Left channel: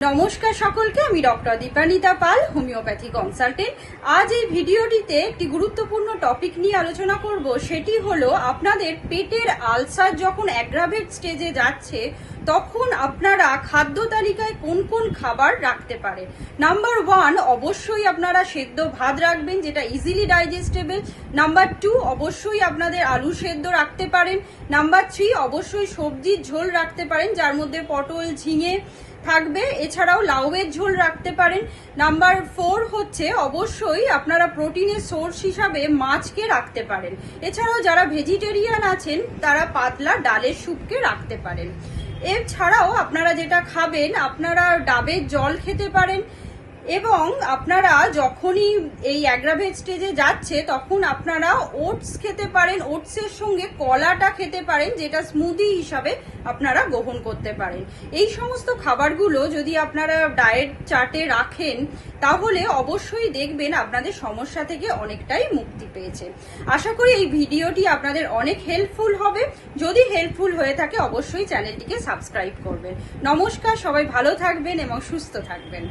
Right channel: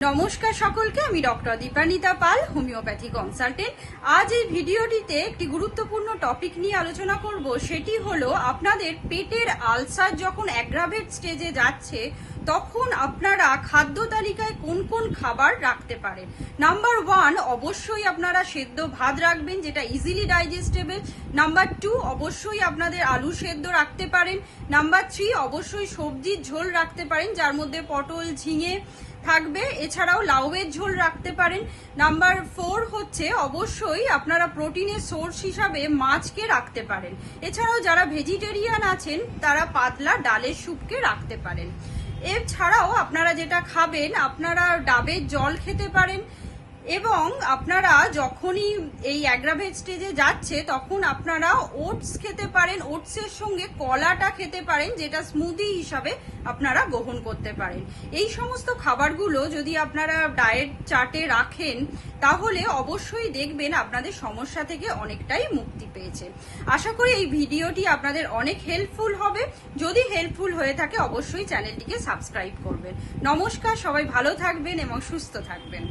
নমস্কার সকলকে, আমি ডক্টর দীপানিতা পাল, হোমিওপ্যাথি কনসালটেন্ট। আজ এই ভিডিওটিতে একটি গুরুত্বপূর্ণ টপিক নিয়ে আলোচনা করব। সেটি হলো আপনাদের পেটের আলসার যখন অ্যাগ্রাভেট স্টেজে যাচ্ছে তখন আপনারা খাদ্য তালিকায় কোন কোন খাবার রাখতে পারেন। নাম্বার 1, অবশ্যই আপনারা সেদ্ধ ভাত রাখবেন, যেটা ইজিলি ডাইজেস্টেবল। নাম্বার 2, অবশ্যই আপনাদের আলু সেদ্ধ রাখতে পারেন। নাম্বার 3, অবশ্যই সবজির ঝোল রাখতে পারেন, যার মধ্যে পটল, ঝিঙে থাকবে। এছাড়াও লাউয়ের ঝোল রাখতে পারেন। নাম্বার 4 হচ্ছে অবশ্যই আপনারা প্রোটিনের সোর্স হিসাবে মাছকে রাখতে পারেন। এছাড়াও যারা ভেজিটেরিয়ান আছেন তারা পাতলা ডালের স্যুপকে রাখতে পারেন। এছাড়াও আপনারা যেটা খাবেন, আপনারা ডাবের জল খেতে পারেন। এবং আপনারা যখনই এই অ্যাগ্রাভেট স্টেজে যাচ্ছে তখন আপনারা ওটস খেতে পারেন। ওটসের সঙ্গে কলাটা খেতে পারেন, যেটা স্মুদি হিসাবে আপনারা গ্রহণ করতে পারেন। এই সমস্ত খাবারগুলো যদি আপনারা ডায়েট চার্টে রাখেন তাহলে অবশ্যই দেখবেন আপনাদের সমস্যা থেকে অনেকটাই মুক্তি পেয়েছে। আশা করি এই ভিডিওটি আপনাদের অনেক হেল্পফুল হবে। যদি হেল্পফুল হয়ে থাকে অবশ্যই চ্যানেলটিকে সাবস্ক্রাইব করবেন। নমস্কার, সবাই ভালো থাকবেন এবং সুস্থ থাকবেন।